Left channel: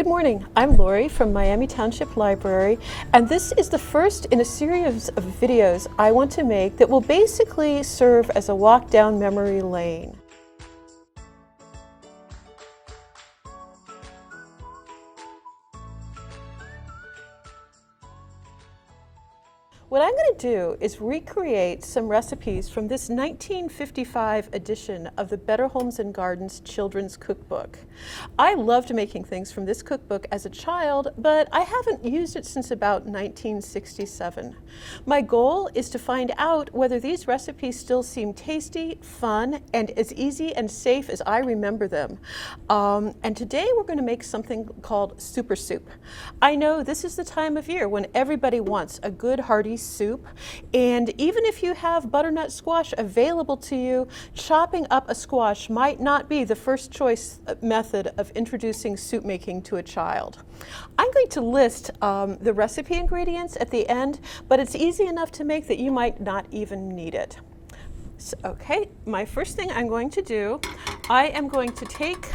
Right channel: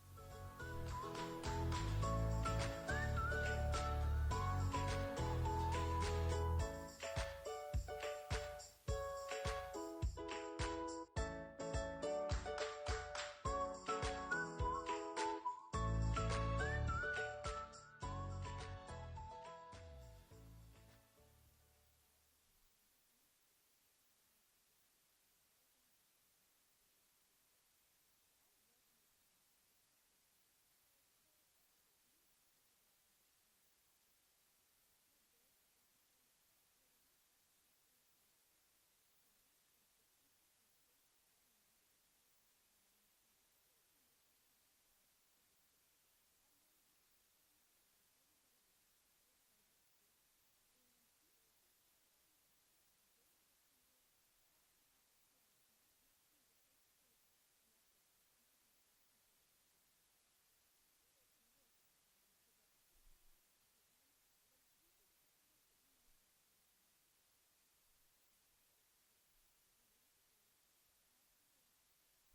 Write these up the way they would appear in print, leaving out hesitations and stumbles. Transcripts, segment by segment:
Good morning, I'm Lori from Miami Township Library, and this is the first in a series of videos I want to make that will basically serve as a walk down memory lane. What I'm going to do is recreate some recipes from this 1955 edition of the Better Homes and Gardens Children's Cookbook. I loved making things from this cookbook as a child, but I haven't used it since about 1967. My goal is to find out whether these recipes still seem tasty, fun, and as easy and safe as I remember them. And today we're going to make something called super soup. I know this is the time of year when everybody wants a good hearty soup, and even if you have butternut squash available to you, chopping up a squash might not be the first choice method of introducing soup making to a child. I'm going to list the recipe ingredients at the end, but it's easy enough to make that you might not even need it. So, okay, my first thing I'm going to do, I am going to take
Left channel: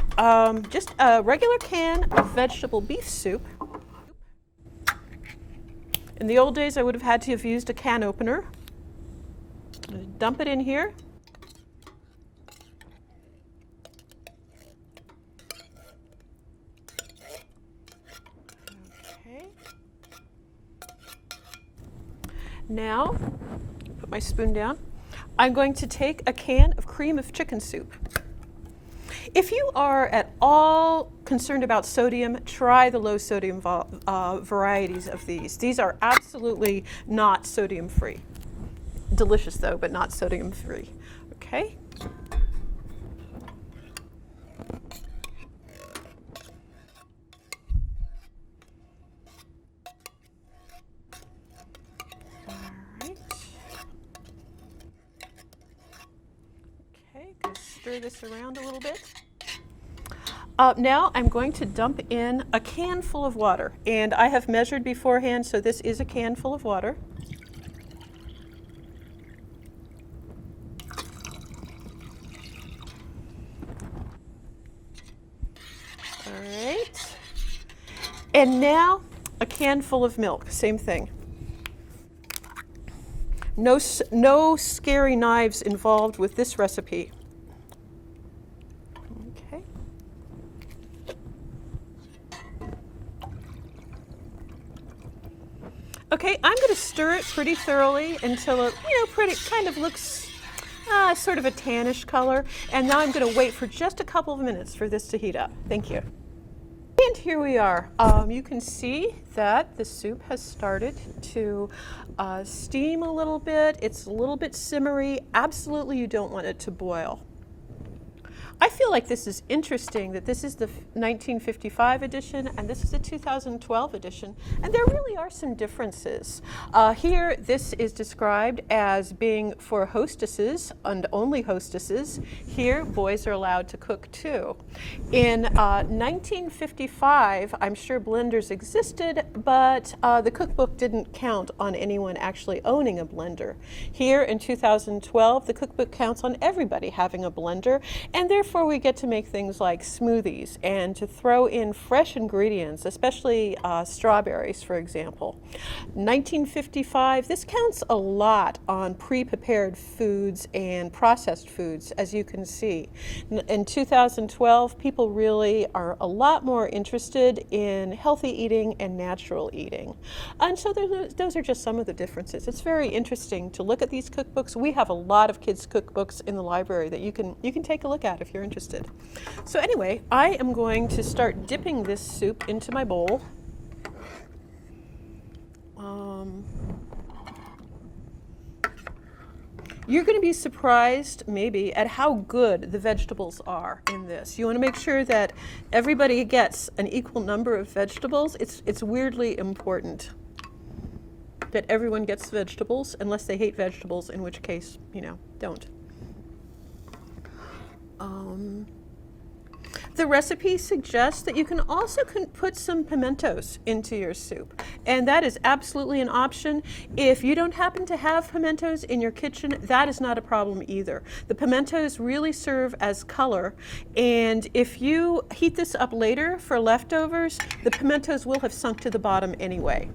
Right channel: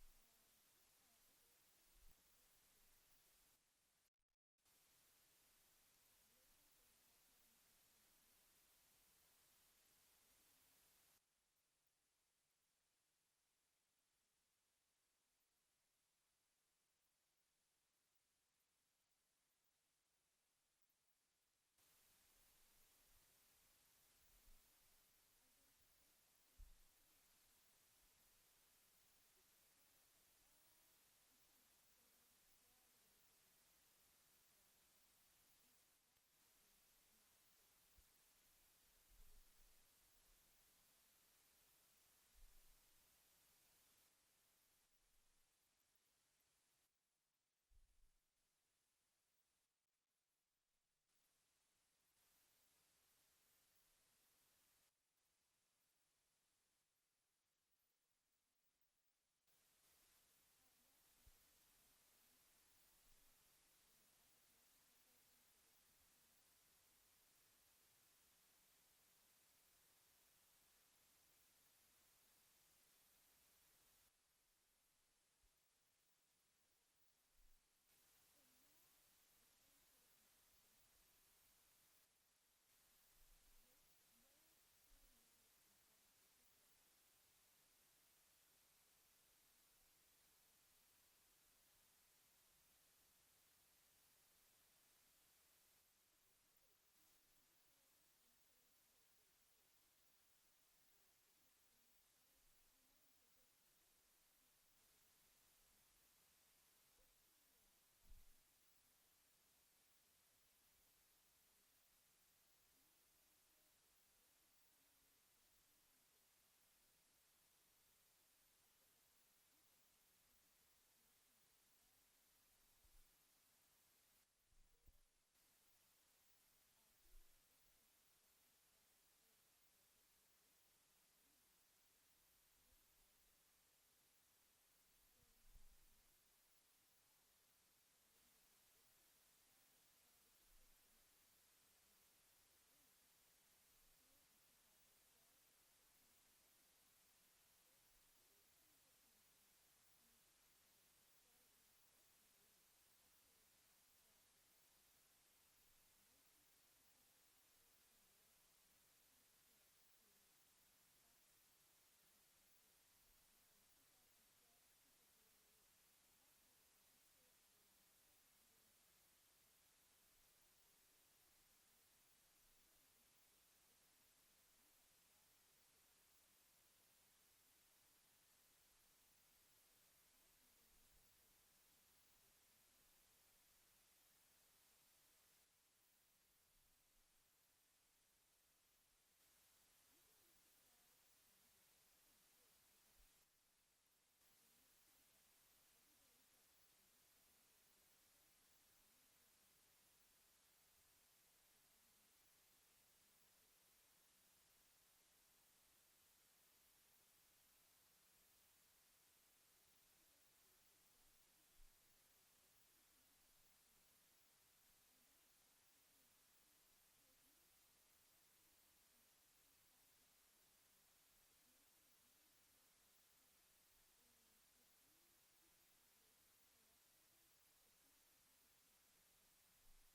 just a regular can of vegetable beef soup. In the old days, I would have had to have used a can opener. Dump it in here. Okay. Now, put my spoon down. I'm going to take a can of cream of chicken soup. If you are at all concerned about sodium, try the low sodium varieties of these. These are absolutely not sodium free. Delicious though, but not sodium free. Okay. All right. Okay, going to stir this around a little bit. Now I'm going to dump in a can full of water, and I have measured beforehand, so this is a can full of water. All right. And now a can full of milk, same thing. No scary knives involved with this recipe. Okay, I'm going to stir it pretty thoroughly until it, kind of looks sort of a tannish color. And now I'm going to wait for just a couple of minutes for this to heat up. Thank you. And here we are. You can see that the soup has started to steam a little bit. It's a little bit simmery. Absolutely, you don't want it to boil. I feel like this is interesting that this is the 1955 edition and this is the 2012 edition, and there really are some differences. Here, this is described as being for hostesses and only hostesses. Here, boys are allowed to cook too. In 1955, I'm sure blenders existed, but the cookbook didn't count on anyone actually owning a blender. Here in 2012, the cookbook counts on everybody having a blender, and therefore we get to make things like smoothies and to throw in fresh ingredients, especially strawberries, for example. 1955, this counts a lot on pre-prepared foods and processed foods, as you can see. In 2012, people really are a lot more interested in healthy eating and natural eating. And so those are just some of the differences. It's very interesting to look at these cookbooks. We have a lot of kids' cookbooks in the library that you can take a look at if you're interested. So anyway, I am going to start dipping this soup into my bowl. You're going to be surprised, maybe, at how good the vegetables are in this. You want to make sure that everybody gets an equal number of vegetables. It's weirdly important that everyone gets vegetables, unless they hate vegetables, in which case, don't. The recipe suggests that you can also put some pimentos into your soup, and that is absolutely an option. If you don't happen to have pimentos in your kitchen, that is not a problem either. The pimentos really serve as color, and if you heat this up later for leftovers, the pimentos will have sunk to the bottom anyway.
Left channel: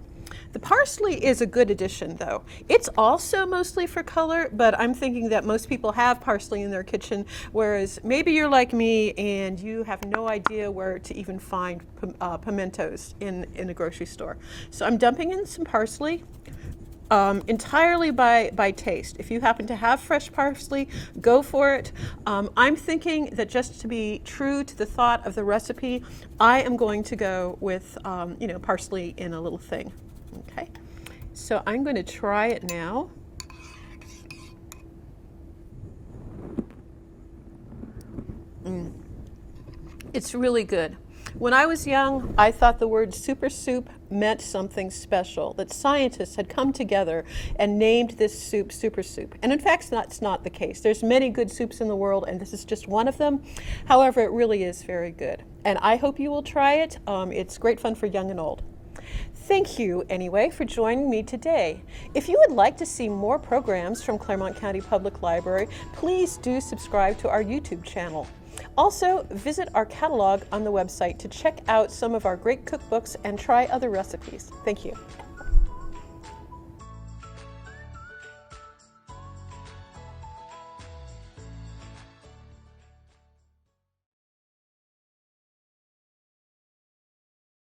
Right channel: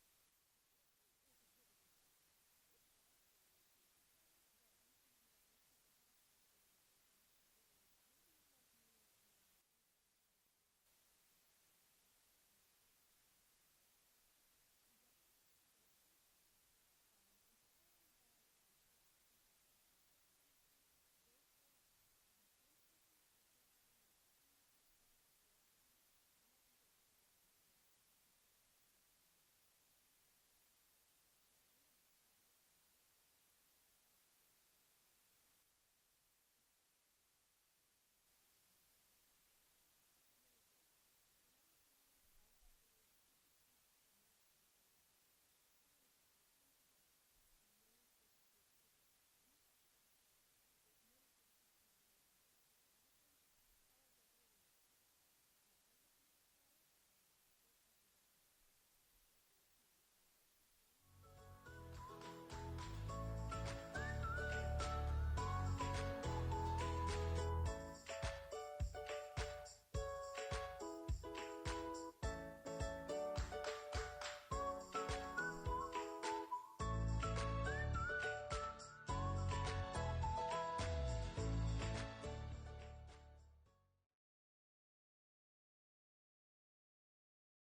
The parsley is a good addition, though. It's also mostly for color, but I'm thinking that most people have parsley in their kitchen, whereas maybe you're like me and you have no idea where to even find pimentos in a grocery store. So I'm dumping in some parsley. Entirely by taste. If you happen to have fresh parsley, go for it. I'm thinking that just to be true to the thought of the recipe, I am going to go with parsley in a little thing. Okay, so I'm going to try it now. It's really good. When I was young, I thought the word super soup meant something special, that scientists had come together and named this soup super soup. And in fact, that's not the case. There's many good soups in the world, and this is just one of them. However, it really is very good. And I hope you will try it. It's great fun for young and old. Thank you, anyway, for joining me today. If you would like to see more programs from Clermont County Public Library, please do subscribe to our YouTube channel. Also, visit our catalog on the website to check out some of our great cookbooks and try other recipes. Thank you.